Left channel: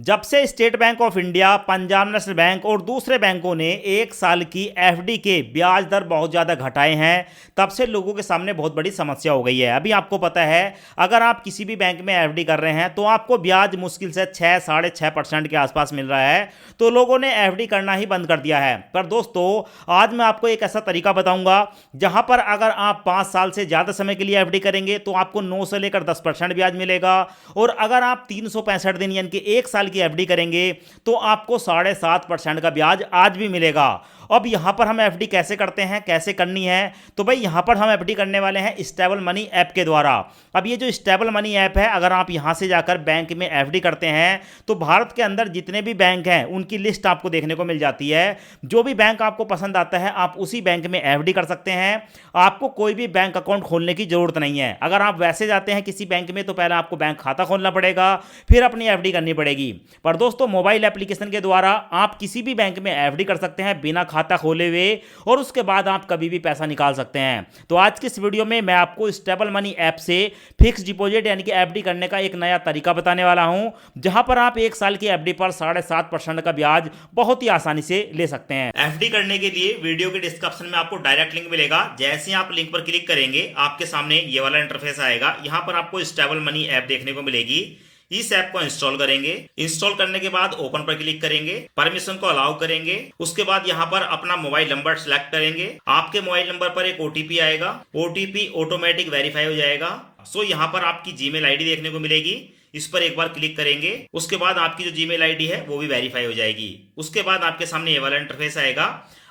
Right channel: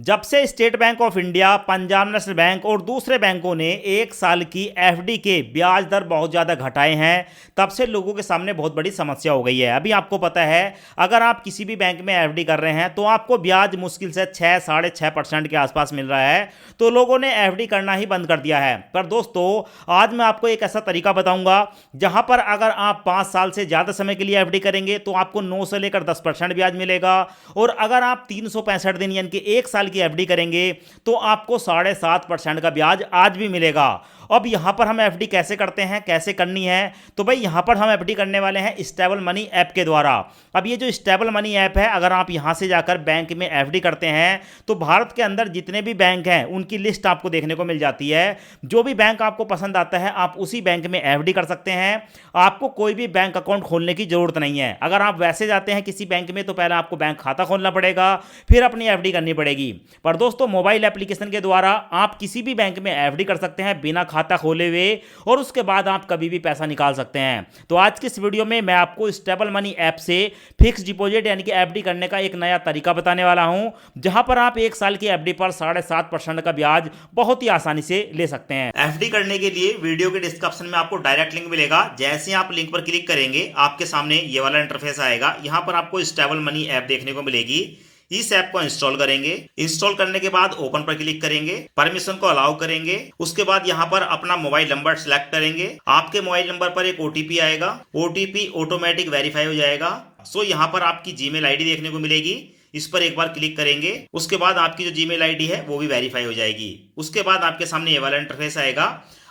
जब से state bank of India, Punjab national bank और दूसरे बैंकों ने एक साल की एफडी के ब्याज दर बहुत ज़्यादा घटाए हैं, तब से लोगों के सामने बहुत बड़ी समस्या हो गई है। अभी आपको पता है, अगर आप किसी भी बैंक में एफडी कर रहे हैं तो आपको ब्याज मुश्किल से 6-6.5% के आसपास मिल रहा है। तो लोगों ने एफडी करना ही बंद कर दिया है। पर दोस्तों, आज मैं आपको एक ऐसा तरीका बताऊंगा जहां पर अगर आप 5 साल से ज़्यादा समय के लिए एफडी करेंगे तो आपको 9 से लेकर 10% ब्याज मिलेगा, और अगर आप 365 दिन यानी कि एक साल की एफडी करेंगे तो आपको 7.5% का ब्याज आज भी मिलेगा। अब यहां पर हम एफडी कैसे करते हैं, कैसे करनी है, तो भाई यहां पर हम एफडी करने वाले हैं स्टेबल मनी ऐप के द्वारा। अब ये जो स्टेबल मनी ऐप है, अगर आप यहां से जाकर बैंक में एफडी करते हैं तो भारत के अंदर जितने भी बैंक हैं उनकी लिस्ट आपको देखने को मिल जाती है। जो भी बैंक आपको पसंद आता है आप उसी बैंक में एफडी कर सकते हैं। आपको कोई भी बैंक अकाउंट खोलने की जरूरत नहीं है। अगर आप वैसे जाते हैं किसी बैंक में तो पहले आपको बैंक खाता खोलना पड़ेगा, फिर अपनी एफडी करनी पड़ेगी। पर दोस्तों, मोबाइल एप्लीकेशन के द्वारा आप किसी भी बैंक में एफडी कर सकते हैं बिना खाता खोले हुए, और उसके बाद आप कभी भी पैसा निकाल सकते हैं। तो आज की इस वीडियो में मैं आपको स्टेबल मनी ऐप से फिक्स डिपॉजिट यानी कि एफडी करने का एक नया तरीका बताने वाला हूं, जहां पर आप एक साल की एफडी पर 7.5% का ब्याज बहुत ही आसानी से ले सकते हैं। एफडी करने के लिए वीडियो के डिस्क्रिप्शन में आपको डायरेक्ट लिंक मिलेगा। जैसे ही आप लिंक पर क्लिक करेंगे आपके सामने ये वाला इंटरफेस आएगा। यहां पर आपको स्टेबल मनी ऐप देखने को मिलेगी। इस ऐप को इंस्टॉल करेंगे। इंस्टॉल करने के बाद ओपन पर क्लिक करेंगे, परमिशन को अलाउ करेंगे। उसके बाद यहाँ पर अपना मोबाइल नंबर सेलेक्ट करेंगे। आपके मोबाइल नंबर पर एक ओटीपी आएगा। ओटीपी ऑटोमेटिक वेरीफाई हो जाएगा। सो यहाँ पर आपकी जीमेल आईडी देखने को मिलेगी। इस पर एक बार क्लिक करेंगे, उसके बाद आपकी जो जीमेल आईडी है वो भी वेरीफाई हो जाएगी। उसके बाद आपके सामने ये वाला इंटरफेस आएगा।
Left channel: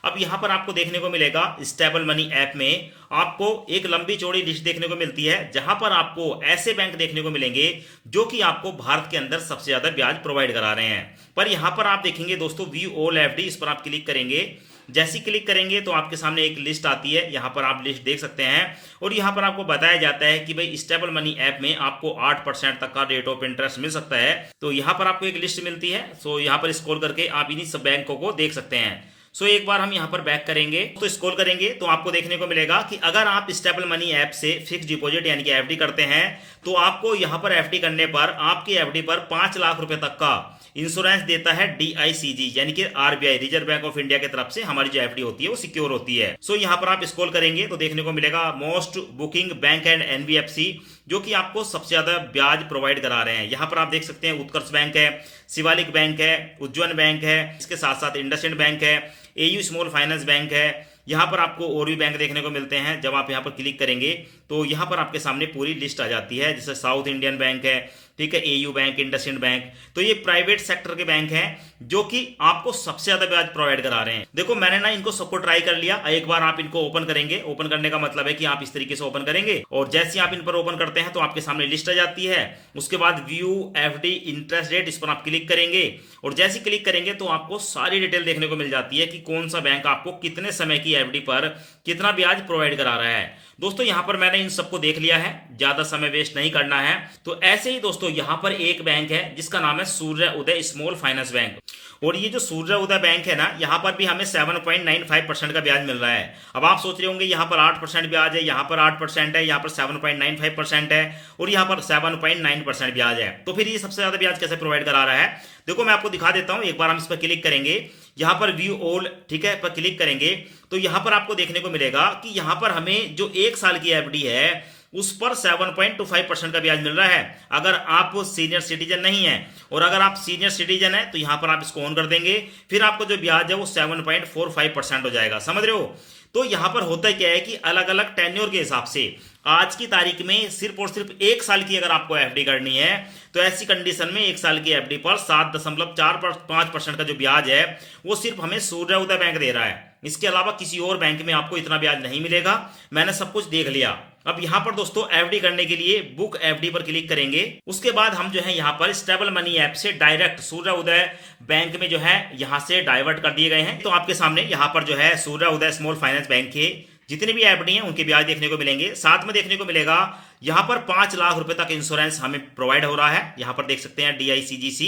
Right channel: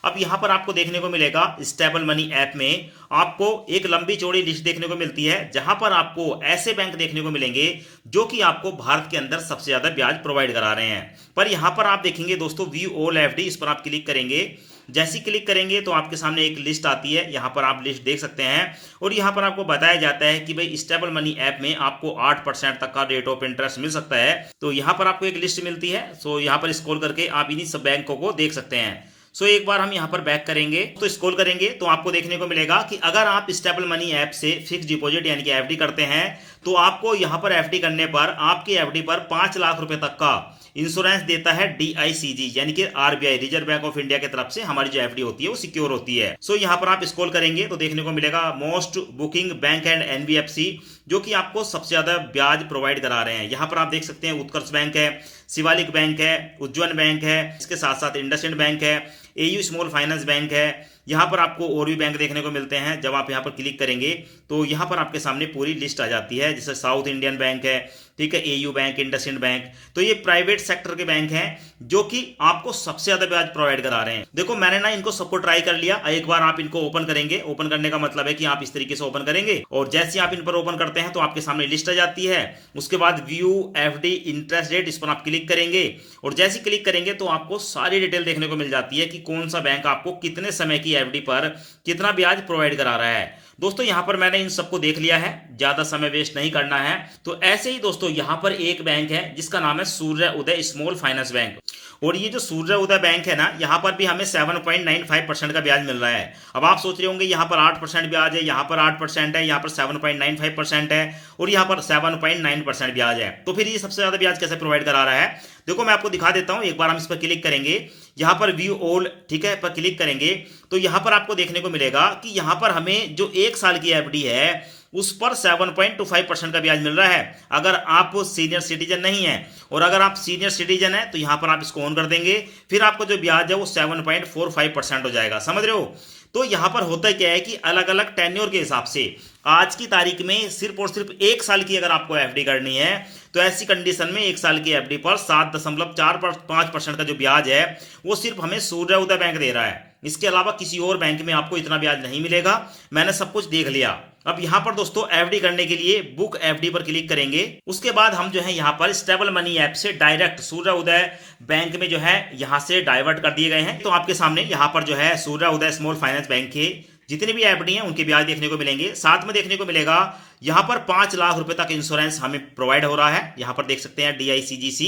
अब यहाँ पर आपको देखने को मिलेगा स्टेबल मनी ऐप में आपको एक लंबी चौड़ी लिस्ट देखने को मिलती है, जहां पर आपको ऐसे बैंक देखने को मिलेंगे जो कि आपको भारत के अंदर सबसे ज्यादा ब्याज प्रोवाइड करा रहे हैं। पर यहाँ पर आप देखेंगे दोस्तों, व्यू ऑल एफडी, इस पर आप क्लिक करेंगे। जैसे ही क्लिक करेंगे तो आपके सामने एक लिस्ट आती है। यहाँ पर आप लिस्ट देख सकते हैं, और यहाँ पर आपको बताया जाता है कि भाई स्टेबल मनी ऐप में आपको 8% तक का रेट ऑफ इंटरेस्ट मिल सकता है। तो यहाँ पर आपको एक लिस्ट मिलती है। सो यहाँ पर स्क्रॉल करके आप इन्हीं सब बैंकों को देख सकते हैं। सो एक बार हम यहाँ पर बैक करेंगे तो स्क्रॉल करेंगे तो आपको देखने को मिलेगा कि अगर आप स्टेबल मनी ऐप से फिक्स डिपॉजिट यानी कि एफडी करते हैं तो आपको यहाँ पर एफडी करने पर आपकी एफडी पर 5 लाख रुपए तक का इंश्योरेंस देता है डीआईसीजी यानी कि RBI, reserve bank of India की तरफ से हमारी जो एफडी होती है वो सिक्योर होती है। सो यहाँ पर आप स्क्रॉल करेंगे तो देखने को मिलेगा most booking bank and NBFC, जो कि आपको सबसे ज्यादा ब्याज प्रोवाइड करा रहे हैं। यहाँ पर आप देख सकते हैं उत्कर्ष बैंक है, शिवालिक बैंक है, उज्जवल बैंक है, इसके साथ साथ इंडसइंड बैंक है, एयू स्मॉल फाइनेंस बैंक है। यहाँ पर आपको और भी बैंक देखने को मिलते हैं। जब आप यहाँ पर क्लिक करेंगे तो यहाँ पर आपके सामने पूरी लिस्ट आ जाती है, जैसे साउथ इंडियन बैंक है, ठीक है, एयू बैंक, इंडसइंड बैंक। तो ये प्राइवेट सेक्टर के बैंक हैं जो कि आपको सबसे ज्यादा ब्याज प्रोवाइड करा रहे हैं। देखो, मैंने ना इनको सबको ट्राई कर लिया। एक बार आप इनको ओपन करेंगे। ओपन करने का मतलब है कि आप इस तरीके से ओपन करेंगे, और जैसे आप इन पर ओपन करते हैं तो आपके सामने लिस्ट आ जाती है। उसके बाद व्यू एफडी इंटरेस्ट रेट, इस पर आप क्लिक करेंगे, और जैसे क्लिक करेंगे तो आपको सारी डिटेल देखने को मिल जाती है कि कौन सा बैंक आपको कितने समय की एफडी पर कितना ब्याज प्रोवाइड करा रहा है। दोस्तों, यहां पर मैंने इन सबको देख लिया है, ज्यादा समय वेस्ट नहीं करना है। तो ऐसे ही दोस्तों, यहां पर एक बैंक है जिसका नाम है सूर्य उदय स्मॉल फाइनेंस बैंक, और ये जो सूर्य उदय बैंक है ना, यहां पर भी हमें 7.95% का ब्याज मिल रहा है। अब आप सोच रहे होंगे यहां पर 8% ब्याज है, यहां पर 8% है, यहां पर 7.95% है, और यहां पर 7.9% ब्याज है। तो फिर ये सबसे ज्यादा ब्याज कैसे प्रोवाइड करा रहा है? देखो, मैं आपको दिखा देता हूं। एक बार हम इस पर क्लिक करेंगे, यहां पर व्यू ऑल, ठीक है, पर क्लिक करेंगे तो यहां पर आपको देखने को मिलेगा कि यहां पर हमें जो एक साल की एफडी है उस पर 7.25% का ब्याज मिल रहा है, अगर आप सीनियर सिटीजन नहीं है। और अगर आप सीनियर सिटीजन है तो यहां पर आप इसको ऑन कर देंगे, फिर आपको जो ब्याज है वो 7.45% हो जाएगा। समझ रहे हो? तो यहां पर होता क्या है कि अलग अलग टेन्योर के हिसाब से आज की तारीख में सिर्फ और सिर्फ एक साल की अगर आपको एफडी करनी है तो ऐसी कंडीशन में एक साल की एफडी पर 7.45% का जो ब्याज है वो सिर्फ हमें सूर्य उदय बैंक दे रहा है। इसके अलावा किसी और बैंक में आपको इतना ब्याज नहीं मिलेगा। मैंने सब कुछ देख लिया। अब यहाँ पर दोस्तों एफडी करने के लिए बुक एफडी पर क्लिक करेंगे। उसके बाद हम जो है यहाँ पर स्टेबल मनी ऐप से डायरेक्ट सूर्य उदय बैंक में जो है यहाँ से डाइवर्ट कर दिए गए हैं। तो आपके सामने यहाँ पर जो है सूर्य उदय स्मॉल फाइनेंस बैंक के जितने भी एफडी हैं उनके ब्याज देखने को मिलेंगे। साथ में देखने को मिलेगा यहाँ पर 5 लाख रुपए तक इंश्योरेंस हमें प्रोवाइड हो रहा है। यहाँ पर देख सकते हैं डीआईसीजीसी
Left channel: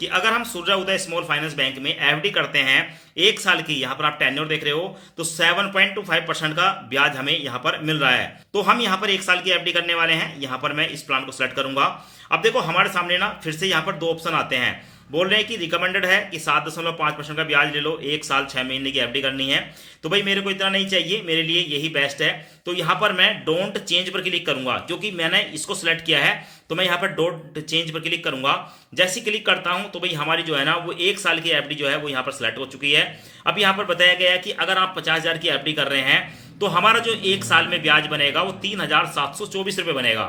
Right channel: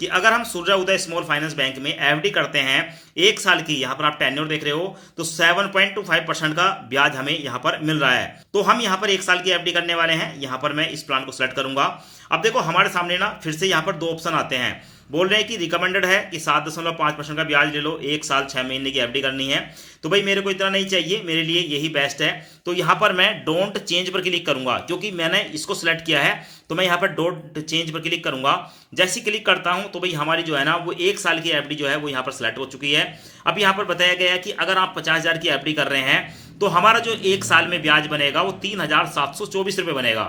कि अगर हम सूर्य उदय स्मॉल फाइनेंस बैंक में एफडी करते हैं एक साल की, यहाँ पर आप टेन्योर देख रहे हो, तो 7.25% का ब्याज हमें यहाँ पर मिल रहा है। तो हम यहाँ पर एक साल की एफडी करने वाले हैं। यहाँ पर मैं इस प्लान को सेलेक्ट करूंगा। अब देखो, हमारे सामने ना फिर से यहाँ पर दो ऑप्शन आते हैं। बोल रहे हैं कि रिकमेंडेड है कि 7.5% का ब्याज ले लो, 1 साल 6 महीने की एफडी करनी है। तो भाई मेरे को इतना नहीं चाहिए, मेरे लिए यही बेस्ट है। तो यहाँ पर मैं डोंट चेंज पर क्लिक करूंगा, क्योंकि मैंने इसको सिलेक्ट किया है। तो मैं यहाँ पर डोंट चेंज पर क्लिक करूंगा। जैसे क्लिक करता हूं तो भाई हमारी जो है ना वो 1 साल की एफडी जो है वो यहाँ पर सिलेक्ट हो चुकी है। अब यहाँ पर बताया गया है कि अगर आप 50,000 की एफडी कर रहे हैं तो हमारा जो 1 साल में ब्याज बनेगा वो 3,724 रुपये बनेगा।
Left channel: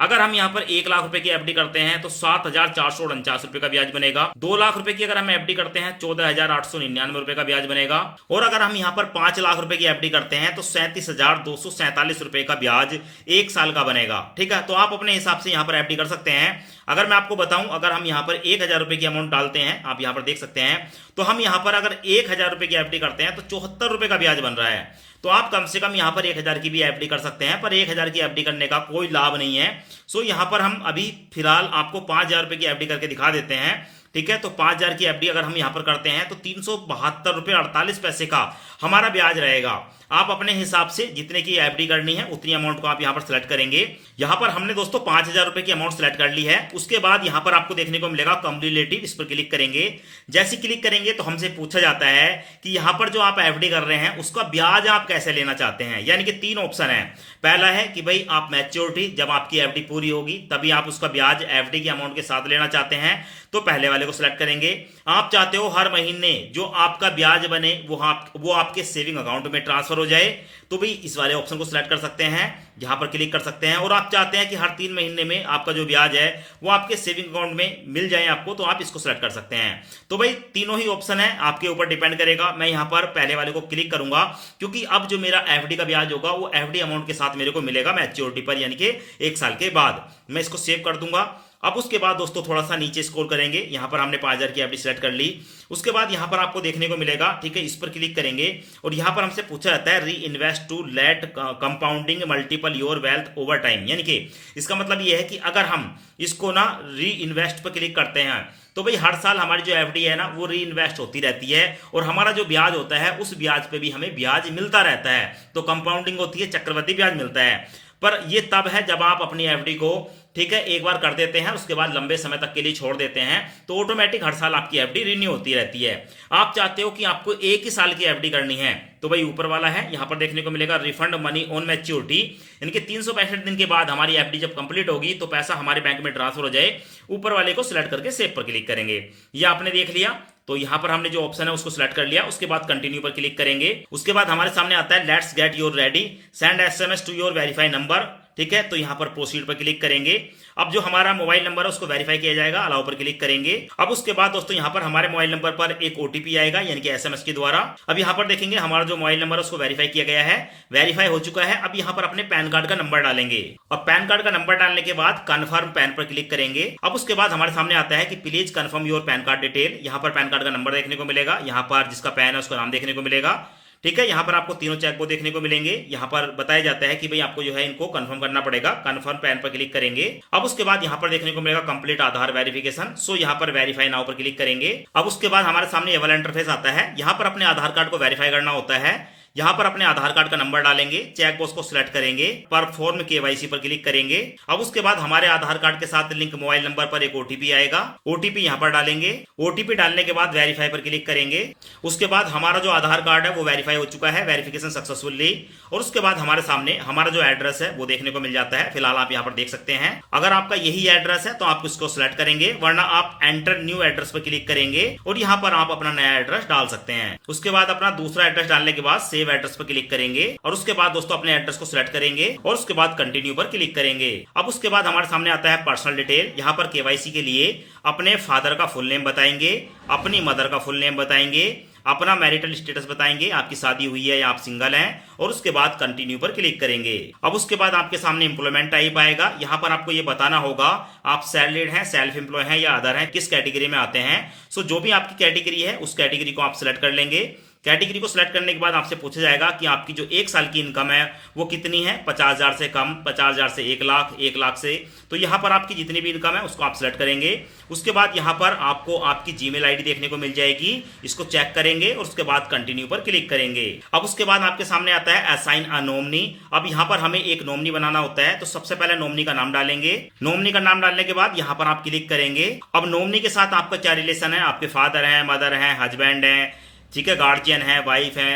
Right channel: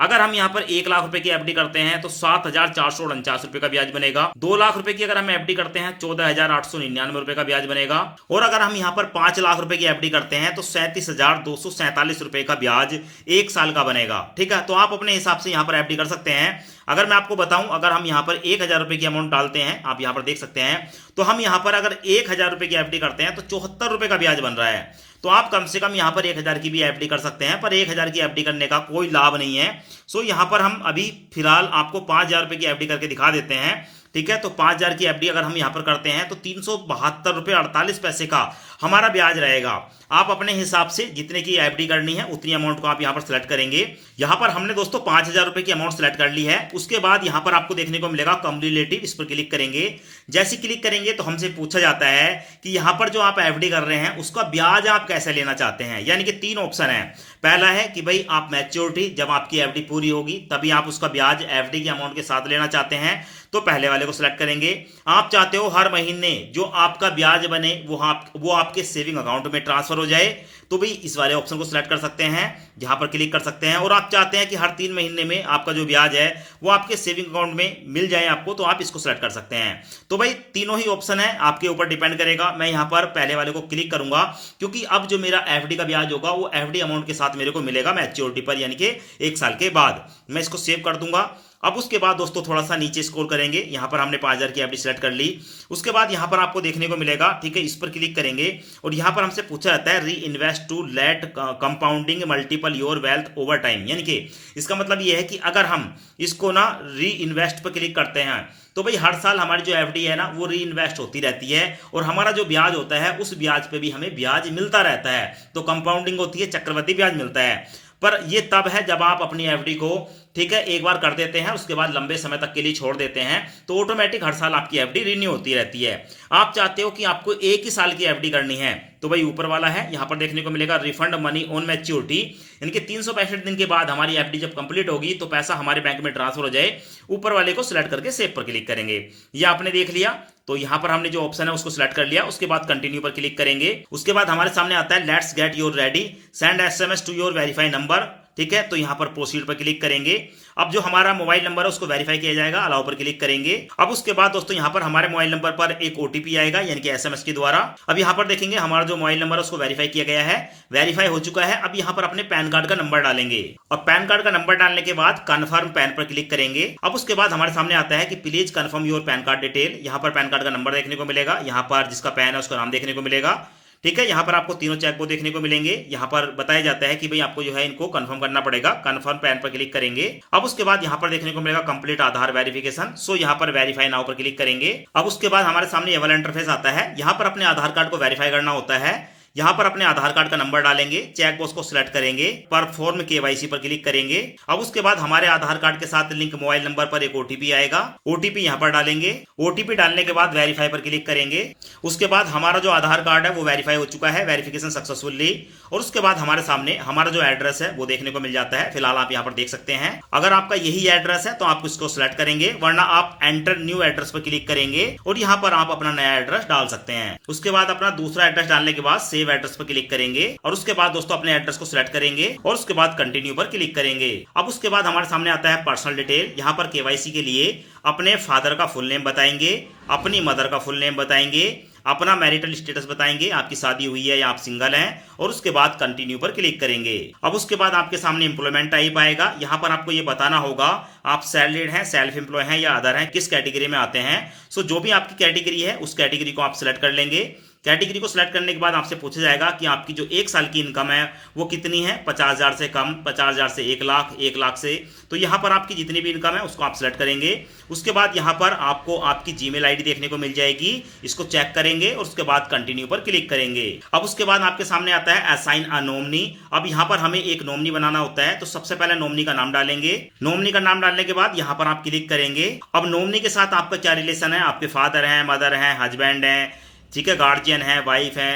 अगर हम यहाँ पर 1 लाख रुपए की एफडी करते हैं तो 7,449 रुपए का ब्याज बनेगा। 2 लाख रुपए की अगर हम एफडी करते हैं 14,899 रुपए का ब्याज बनेगा। और अगर हम यहाँ पर 5 लाख रुपए की एफडी करते हैं तो 37,247 रुपए का ब्याज 1 साल का बनेगा। ठीक है, तो आप अपने हिसाब से यहाँ पर एफडी कर सकते हैं। अगर मैं आपको बताऊं, अगर हम यहाँ पर 1,000 रुपए की अमाउंट डालते हैं, आप यहाँ पर देख सकते हैं, तो हम यहाँ पर अगर 1,000 रुपए की एफडी करते हैं तो 74 रुपए का ब्याज बन रहा है। तो आप कम से कम यहाँ पर 1,000 की भी एफडी कर सकते हैं, पर 1,000 की एफडी करने का कोई लाभ नहीं है। सो यहाँ पर हम अभी फिलहाल आपको 5,000 रुपए की एफडी करके दिखा देते हैं। ठीक है, तो 5,000 की एफडी अगर हम यहाँ पर करते हैं तो 372 रुपये 48 पैसे का हमारा ब्याज रहेगा। आप अपने हिसाब से जितने की एफडी करनी है उतनी अमाउंट को आप यहाँ पर सिलेक्ट करेंगे। यहाँ पर हमने दोस्तों 5,000 रुपए की अमाउंट सिलेक्ट कर ली है। उसके बाद यहाँ पर आपको देखने को मिलेगा कम रिलेटिव, इस पर क्लिक करेंगे। जैसे क्लिक करेंगे तो हमसे पूछा जाता है कि यहाँ पर जो आप एफडी कर रहे हैं उसका ब्याज आप कैसे लेना चाहते हैं। यानी कि 3 ऑप्शन है। पहला है कि भाई आप मैच्योरिटी, जब आपकी एफडी पूरी होगी तभी आप उसका ब्याज एफडी के अमाउंट के साथ लेना चाहते हैं, तो पहले वाले को सिलेक्ट करेंगे। आप चाहते हो हर महीने जो आपका ब्याज बने वो आपके सेविंग अकाउंट में ट्रांसफर हो जाए, तो भाई इस वाले ऑप्शन को सिलेक्ट कर सकते हैं, यहां पर क्लिक कर सकते हैं। और आप चाहते हैं कि हर 3 महीने में आपका जो ब्याज है वो आपके सेविंग अकाउंट में मिल जाए आपको, तो आप इसको सिलेक्ट कर सकते हैं। तो भाई तीनों ही ऑप्शन है, आपके ऊपर डिपेंड करेगा। मैं यहां पर पहले वाले को क्लिक करूंगा, क्योंकि अब जो मेरा एफडी का ब्याज होगा वो एफडी अमाउंट के साथ मेरे को मिलेगा मैच्योरिटी पर, यानी कि 1 साल के बाद। मैं इसको सेव कर दूंगा। अब उसके बाद दोस्तों थोड़ा सा नीचे स्क्रॉल करेंगे, यहां पर हमने 5,000 की एफडी सेलेक्ट कर ली। उसके बाद यहां पर आपको देखने को मिलेगा, ठीक है, इस पर क्लिक करेंगे और यहां पर हमसे पूछा जाता है reinvest to let compounding multiple your wealth over time. यानी कि इसका मतलब यह है कि अगर हम इसको ना री इन्वेस्ट पर क्लिक करते हैं तो भाई हर साल हमारी जो एफडी है ना वो री इन्वेस्ट होती रहती है, और हमारा जो ब्याज होता है उस ब्याज पे भी हमें ब्याज मिलता रहता है। तो कंपाउंडिंग होती है, चक्रवृद्धि ब्याज मिलता है। पर ये तब है जब आप अपनी एफडी को, ठीक है, एक बार कर देते हैं, उसके बाद लंबे समय तक के लिए छोड़ देते हैं, तो ऑटोमेटिक हर साल आपकी एफडी रिन्यू होती रहती है। आप चाहते हो कि आपको 1 ही साल की एफडी करनी है, तो भाई ऊपर वाला है, यहां पर देखने को मिलेगा रिफंड मनी ऑन मैच्योरिटी। इनके 365 दिन के बाद हमारी एफडी जब कंप्लीट होगी तो पैसा हमारे बैंक में ट्रांसफर हो जाए, ऊपर वाले को सिलेक्ट करके सेव पर क्लिक करेंगे। ये आपने देख लिया, तो यहां पर हमने जो ऑप्शन है उसको सिलेक्ट कर लिया। उसके बाद कंटिन्यू पर क्लिक करेंगे। उसके बाद हमारे सामने आता है let's get your ready, send SMS to your verify number. ठीक है, तो यहां पर प्रोसीड पर क्लिक करेंगे। अब जो हमारा मोबाइल नंबर है उसको वेरीफाई किया जाएगा, अलाउ पर क्लिक करेंगे। अब उसके बाद दोस्तों यहां पर हमारे मोबाइल नंबर पर एक ओटीपी आएगा, यानी कि एसएमएस के द्वारा। अब यहां पर देखेंगे हमारा जो मोबाइल नंबर है उसको वेरीफाई किया गया है, वेरीफाई हो चुका है। अब यहां पर अपने पैन कार्ड का नंबर डालेंगे, और पैन कार्ड का नंबर डालने के बाद कन्फर्म पैन पर क्लिक करेंगे। अब उसके बाद हमारे सामने आता है कि please confirm your pan card detail. यहां पर पैन कार्ड का नंबर देखने को मिलेगा, यहां पर जिसका पैन है उसका नाम देखने को मिलेगा। ठीक है, यहां पर आपको तीनों चेक बॉक्स देखने को मिलेंगे। यहां पर बताया जाता है कि भाई आपको जो है इनको कंफर्म करना पड़ेगा, कंफर्म पैन पर क्लिक करेंगे। अब उसके बाद यहां पर देखने को मिलेगा कंप्लीट आधार वेरिफिकेशन, सो यहां पर वेरीफाई नाउ पर क्लिक करेंगे। अब उसके बाद हमारे सामने ये वाला इंटरफेस आता है, यहां पर अपने आधार कार्ड को वेरीफाई करना होता है। यहां पर अपने आधार कार्ड का नंबर डालेंगे, चेक बॉक्स को सिलेक्ट करेंगे, परफॉर्म केवाईसी पर क्लिक करेंगे। अब उसके बाद हमारे आधार कार्ड के साथ लिंक मोबाइल नंबर पर एक ओटीपी आएगा, ओटीपी यहां पर डालेंगे। ओटीपी डालने के बाद वेरीफाई पर क्लिक करेंगे। उसके बाद हमारा जो आधार कार्ड है वो वेरीफाई हो चुका है, वेरिफिकेशन सक्सेसफुली। और उसके बाद हमारे सामने हमारा जो एड्रेस है वो देखने को मिल जाता है। फिलहाल आप यहाँ पर देख सकते हैं, अगर आपका यही एड्रेस है तो आप इसको सिलेक्ट करेंगे, वरना आप एंटर न्यू एड्रेस पर क्लिक करेंगे और यहाँ पर आप अपना नया एड्रेस डाल सकते हैं। उसके बाद अपना दूसरा एड्रेस डालने के बाद सेव एड्रेस पर क्लिक करेंगे, और उसके बाद दोस्तों अपने एड्रेस को सिलेक्ट करेंगे और उसके बाद कंटिन्यू पर क्लिक करेंगे। अब उसके बाद हमारे सामने आता है पर्सनल डिटेल। यहाँ पर केवाईसी के लिए अपने फादर का फुल नेम बताएंगे, अपनी मदर का फुल नेम बताएंगे, अपना मैरिटल स्टेटस बताएंगे, आपकी शादी हुई है या आप सिंगल हैं, और उसके बाद कंटिन्यू पर क्लिक करेंगे। अब उसके बाद आपके सामने एम्प्लॉयमेंट टाइप आएगा, यहाँ पर आपको ये बताना होगा आप सैलरीड हैं, सेल्फ एम्प्लॉय हैं या अदर हैं, किस कैटेगरी में आते हैं। सो जो भी आपकी कैटेगरी है उस कैटेगरी को आप सिलेक्ट कर लेंगे। कैटेगरी को सिलेक्ट करने के बाद आपसे पूछा जाएगा कि आपकी जो 1 साल की इनकम है वो कितनी है, 50,000 से कम, 50,000 से 1 लाख, 1 लाख से। तो यहाँ पर आपकी जितनी भी इनकम है उसको आप सिलेक्ट करेंगे। उसके बाद यहाँ पर आपको आपकी जीमेल आईडी देखने को मिल जाएगी, इसको चेक करेंगे और उसके बाद कंटिन्यू पर क्लिक करेंगे। अब उसके बाद आपके सामने आता है असाइन अ नॉमिनी। अब यहाँ पर हमें एक नॉमिनी बनाना होता है, तो सबसे पहले नॉमिनी का नाम डालेंगे। नॉमिनी का नाम डालने के बाद यहाँ पर आप क्लिक करेंगे। अब नॉमिनी के साथ आपका क्या रिलेशन है, आपके फादर हैं, मदर हैं, हस्बैंड हैं, ठीक है, गार्जियन है, वाइफ है,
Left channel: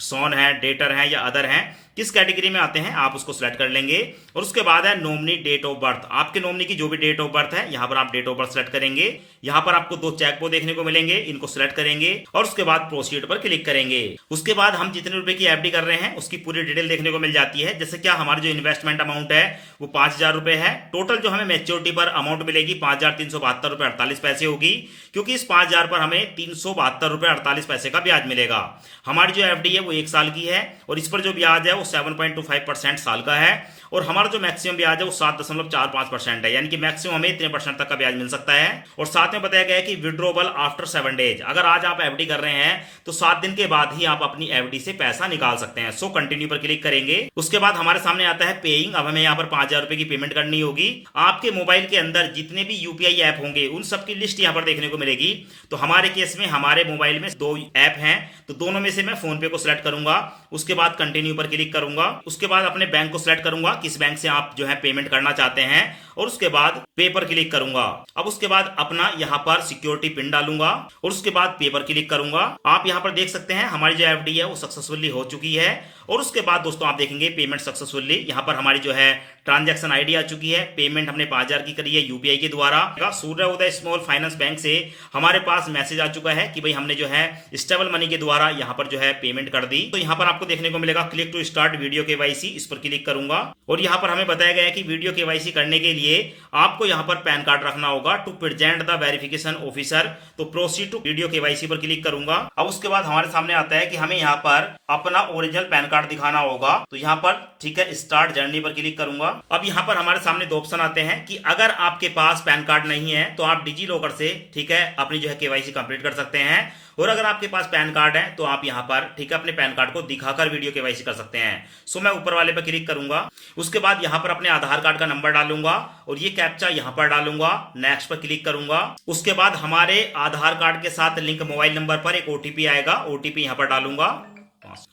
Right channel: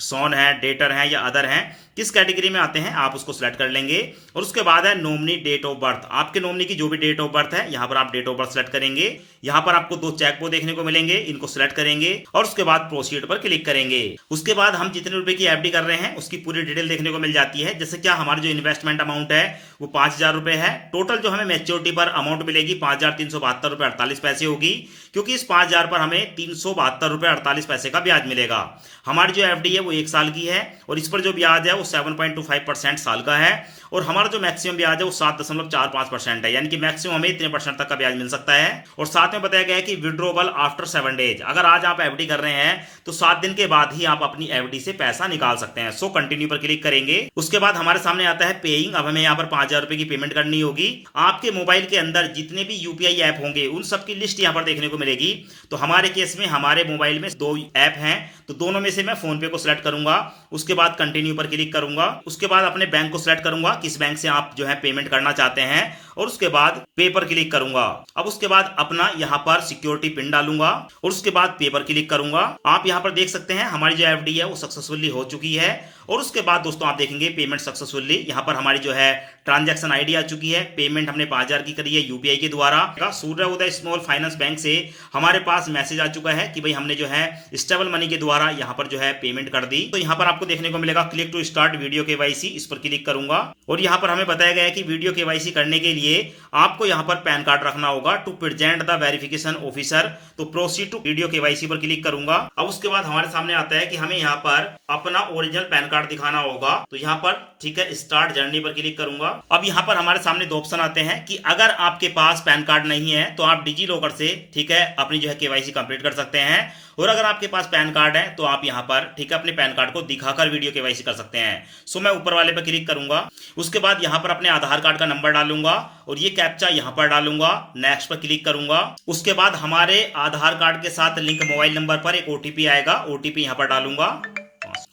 सोन है, डेटर है या अदर हैं, किस कैटेगरी में आते हैं आप उसको सिलेक्ट कर लेंगे। और उसके बाद है नॉमिनी डेट ऑफ बर्थ। आपके नॉमिनी की जो भी डेट ऑफ बर्थ है यहाँ पर आप डेट ऑफ बर्थ सिलेक्ट करेंगे। यहाँ पर आपको 2 चेक बॉक्स देखने को मिलेंगे, इनको सिलेक्ट करेंगे और उसके बाद प्रोसीड पर क्लिक करेंगे। उसके बाद हम जितने रुपए की एफडी कर रहे हैं उसकी पूरी डिटेल देखने को मिल जाती है। जैसे क्या हमारी जो इन्वेस्टमेंट अमाउंट है वो 5,000 रुपए है। टोटल जो हमें मैच्योरिटी पर अमाउंट मिलेगी 5,372 रुपए 48 पैसे होगी, क्योंकि इस 5,000 पर हमें 372 रुपए 48 पैसे का ब्याज मिलेगा। हमारी जो एफडी है वो 1 साल की है और इस पर जो ब्याज है वो 7.25% साल का है और हमारा जो मैक्सिमम ब्याज है वो 7.45% है, यानी कि मैक्सिमम हमें इतने % तक का ब्याज मिल सकता है। और साथ में बताया गया है कि विड्रॉबल आफ्टर 7 डेज। अगर आज आप एफडी कर रहे हैं तो 7 दिन के बाद ही आप अपनी एफडी से पैसा निकाल सकते हैं। सो कंटिन्यू पर क्लिक करेंगे। उसके बाद हमारे सामने आता है पेइंग। अब हमें यहाँ पर 5,000 रुपए की पेमेंट करनी होगी। आपके मोबाइल के अंदर जितने भी यूपीआई ऐप होंगे उन सबकी लिस्ट यहाँ पर देखने को मिलेगी। तो हमारे केस में हमारे मोबाइल में 2 ऐप हैं, तो दोनों में से मैं फोन पे को सिलेक्ट करूंगा। उसके बाद कंटिन्यू पर क्लिक करूंगा। उसके बाद अपने बैंक को सिलेक्ट करूंगा, किस बैंक से आप जो है पेमेंट करना चाहते हैं, और उसके बाद पे पर क्लिक करूंगा। अब उसके बाद अपना यहाँ पर सिक्योरिटी पिन डालूंगा और उसके बाद पे पर क्लिक करूंगा। आप यहाँ पर देख सकते हैं हमारी जो एफडी है वो सक्सेसफुली हो चुकी है। और उसके बाद दोस्तों आप देखेंगे पेमेंट सक्सेसफुली, यहाँ पर हमारी जो है ट्रांजैक्शन आईडी आ चुकी है। पेमेंट हमने 5,000 की करी है यूपीआई के द्वारा। सूर्य उदय स्मॉल फाइनेंस बैंक से हमारे पास मैसेज आ चुका है कि भाई हमने जो है स्टेबल मनी के द्वारा यहाँ पर जो है पेमेंट कर दी। तो यहाँ पर आपको देखने को मिलेगा click to start video KYC, इस पर क्लिक करूंगा। और यहाँ पर हमें बताया गया है कि वीडियो केवाईसी करने के लिए आपको यहाँ पर पैन कार्ड रखना होगा to present the verification officer. तो प्रोसीड टू वीडियो केवाईसी पर क्लिक करूंगा। अब उसके बाद हमारे सामने आता है कि हमें यहाँ पर अपना ओरिजिनल पैन कार्ड दिखाना होगा। तो यहाँ पर ठीक है स्टार्ट जर्नी पर क्लिक करूंगा। अब यहाँ पर हमारे सामने 2 ऑप्शन आते हैं कि अगर आपके पास पैन कार्ड नहीं है तो आप डिजी लॉकर से ठीक है अपनी जो है केवाईसी कंप्लीट कर सकते हैं, और अगर आपके पास पैन कार्ड है तो आप यहाँ पर ठीक है अपने पैन कार्ड को दिखाकर वीडियो केवाईसी कर सकते हैं। सो मैं ऊपर वाले पर क्लिक करूंगा। उसके बाद यहाँ पर अपने आधार कार्ड का नंबर डालूंगा और ये कैप्चा यहाँ पर डालूंगा। नेक्स्ट पर क्लिक करूंगा। उसके बाद हमारे आधार कार्ड के साथ लिंक मोबाइल नंबर पर एक ओटीपी आएगा, ओटीपी यहाँ पर डालूंगा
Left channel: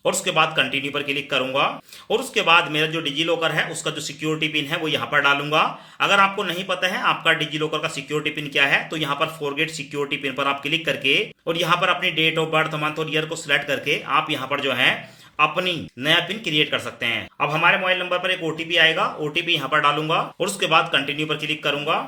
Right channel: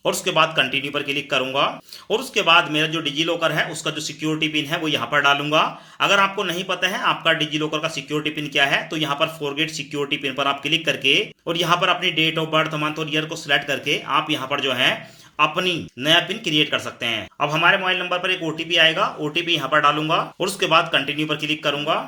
और उसके बाद कंटिन्यू पर क्लिक करूंगा। और उसके बाद मेरा जो डिजी लॉकर है उसका जो सिक्योरिटी पिन है वो यहाँ पर डालूंगा। अगर आपको नहीं पता है आपका डिजी लॉकर का सिक्योरिटी पिन क्या है तो यहाँ पर फॉरगेट सिक्योरिटी पिन पर आप क्लिक करके और यहाँ पर अपनी डेट ऑफ बर्थ, मंथ और ईयर को सिलेक्ट करके आप यहाँ पर जो है अपनी नया पिन क्रिएट कर सकते हैं। अब हमारे मोबाइल नंबर पर एक ओटीपी आएगा, ओटीपी यहाँ पर डालूंगा और उसके बाद कंटिन्यू पर क्लिक करूंगा।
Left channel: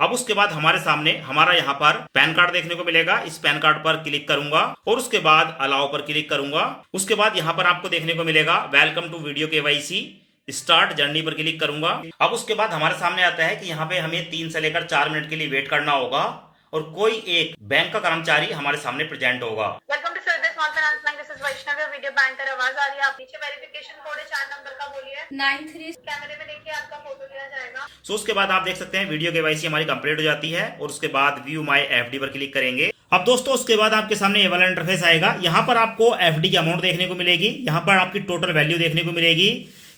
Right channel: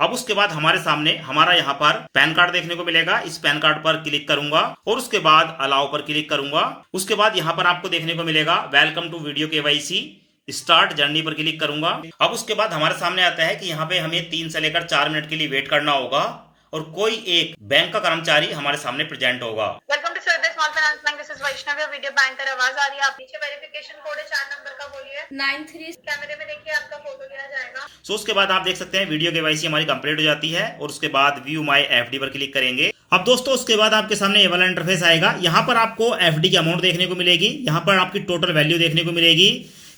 अब उसके बाद हमारे सामने हमारा यहाँ पर पैन कार्ड देखने को मिलेगा। इस पैन कार्ड पर क्लिक करूंगा और उसके बाद अलाउ पर क्लिक करूंगा। उसके बाद यहाँ पर आपको देखने को मिलेगा welcome to video KYC, start journey पर क्लिक करूंगा। अब उसके बाद हमारे सामने आता है कि यहाँ पे हमें 3 से लेकर 4 मिनट के लिए वेट करना होगा और कोई एक बैंक का कर्मचारी हमारे सामने प्रेजेंट होगा। Welcome to Surya Small Finance Bank, this is Vaishnavi. Video banker आवाज आ रही है, आप पीछे वेरिफिकेशन कोड है 4 नंबर का, बोलिए 93। कैमरे में देखिए आपका फोटो लिया जाएगा। सो उसके बाद आप देख सकते हैं वीडियो केवाईसी हमारी कंप्लीट हो जाती है और उसके बाद व्यू माई एफडी पर क्लिक करेंगे। अब दोस्तों उसके बाद आपके सामने ये वाला इंटरफेस आएगा। यहाँ पर आपको एफडी की अमाउंट देखने को मिलेगी, यहाँ पर आपकी टोटल वैल्यू देखने को मिलेगी।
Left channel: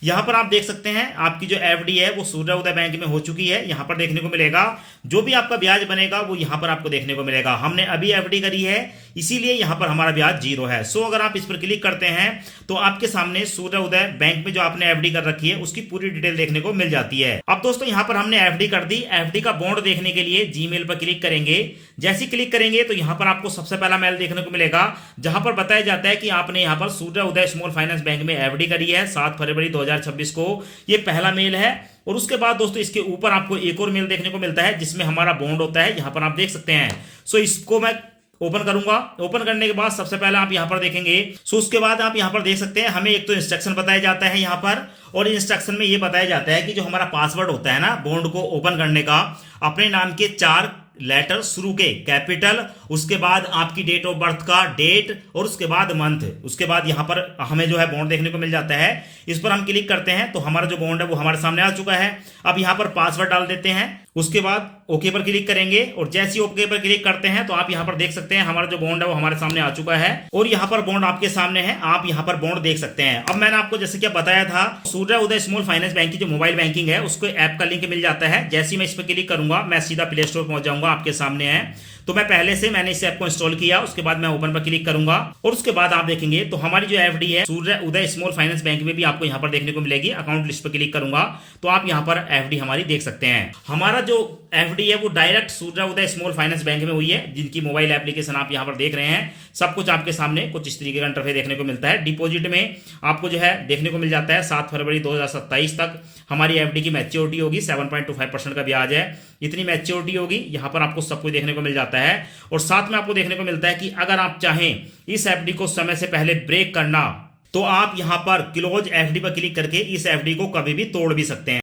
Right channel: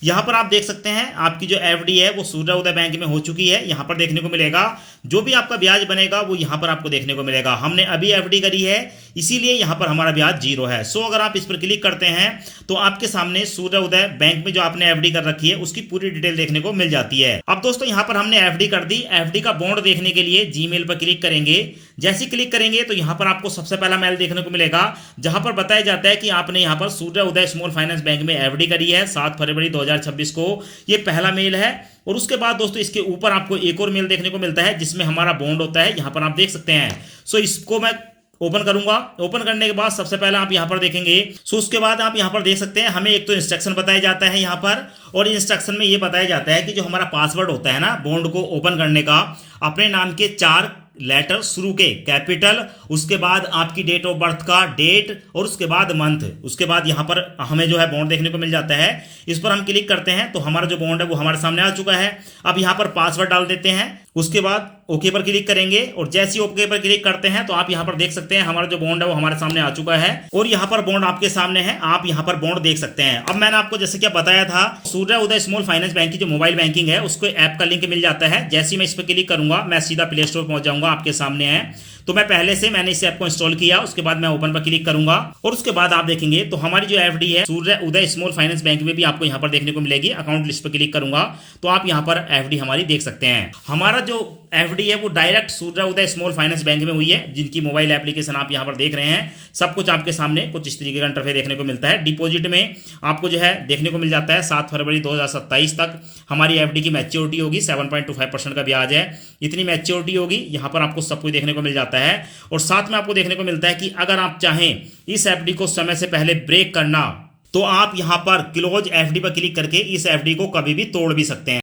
यहाँ पर आप देख सकते हैं आपकी जो एफडी है वो सूर्य उदय बैंक में हो चुकी है। यहाँ पर देखने को मिलेगा जो भी आपका ब्याज बनेगा वो यहाँ पर आपको देखने को मिलेगा। हमने अभी एफडी करी है इसीलिए यहाँ पर हमारा ब्याज 0 है। सो अगर आप इस पर क्लिक करते हैं तो आपके सामने सूर्य उदय बैंक में जो आपने एफडी कर रखी है उसकी पूरी डिटेल देखने को मिल जाती है। अब दोस्तों यहाँ पर हमने एफडी कर दी। एफडी का बॉन्ड देखने के लिए जीमेल पर क्लिक करेंगे। जैसे क्लिक करेंगे तो यहाँ पर आपको सबसे पहला मेल देखने को मिलेगा जहां पर बताया जाता है कि आपने यहाँ पर सूर्य उदय स्मॉल फाइनेंस बैंक में एफडी करी है 7 फरवरी 2026 को। ये पहला मेल है। और उसके बाद दोस्तों इसके ऊपर आपको एक और मेल देखने को मिलता है जिसमें हमारा बॉन्ड होता है, यहाँ पर आप देख सकते हैं। सो इसको मैं ओपन करूंगा। ओपन करने के बाद सबसे पहले आप यहाँ पर देखेंगे। सो उसके बाद आप यहाँ पर देख सकते हैं हमें एक तो इंस्ट्रक्शन बताया जाता है यहाँ पर, और इंस्ट्रक्शन में ये बताया जाता है कि जो हमारा पासवर्ड होता है ना बॉन्ड को ओपन करने का, अपने नाम के 4 लेटर शुरू के कैपिटल, उसके बाद आपकी डेट ऑफ बर्थ का डेट और उसके बाद मंथ, उसके बाद यहाँ पर हमें जो है बॉन्ड देखने को मिल जाता है। इस पर हम क्लिक करते हैं तो हमारा जो बॉन्ड है वो हमारे सामने आ चुका है। अब यहाँ पर पासवर्ड डाल देते हैं उसके बाद ओके पर क्लिक करेंगे और जैसे ही ओके पर क्लिक करते हैं तो आप यहाँ पर देख सकते हैं हमारा जो बॉन्ड है वो हमारे सामने आ चुका है और यहाँ पर बॉन्ड आपके सामने है, आप यहाँ पर बॉन्ड देख सकते हैं। अब मैंने आपको जैसे क्या बताया था, सूर्य उदय स्मॉल फाइनेंस बैंक की जो मोबाइल बैंकिंग है उसको ऐप का लिंक मिल जाता है। जैसे ही मैं इस पर क्लिक करूंगा मैं सीधा प्ले स्टोर पहुंच जाऊंगा, आपके सामने है। तो मैं पहले से मैंने इस ऐप को इंस्टॉल किया, उसके बाद मैं ओपन पर क्लिक करूंगा और उसके बाद आप देखेंगे तो हमारी जो एफडी है सूर्य उदय स्मॉल फाइनेंस बैंक में भी आपको यहाँ पर देखने को मिलेगी। अकाउंट लिस्ट पर क्लिक करूंगा तो आप यहाँ पर एफडी हमारी देख सकते हैं। हमारा जो एफडी है वो डायरेक्ट सूर्य उदय स्मॉल फाइनेंस बैंक में हुई है, जिनकी मोबाइल एप्लीकेशन आप यहाँ पर देख रहे हैं। सब कुछ आपके सामने कुछ इस तरीके का इंटरफेस देखने को मिलता है। डिपॉजिट में आपको जो है देखने को मिल जाता है 7 फरवरी 2027 तक हमारी एफडी की मैच्योरिटी होगी, 7.25% का ब्याज है, इतनी मैच्योरिटी होगी। यहाँ पर आपको सब कुछ देखने को मिल जाता है और साथ में आपको देखने को मिलता है कि अगर आप चाहें इस एफडी को समय से पहले ब्रेक करना तो आप यहां पर क्लोज एफडी पर क्लिक करके इस एफडी को कभी भी तोड़ भी सकते हैं।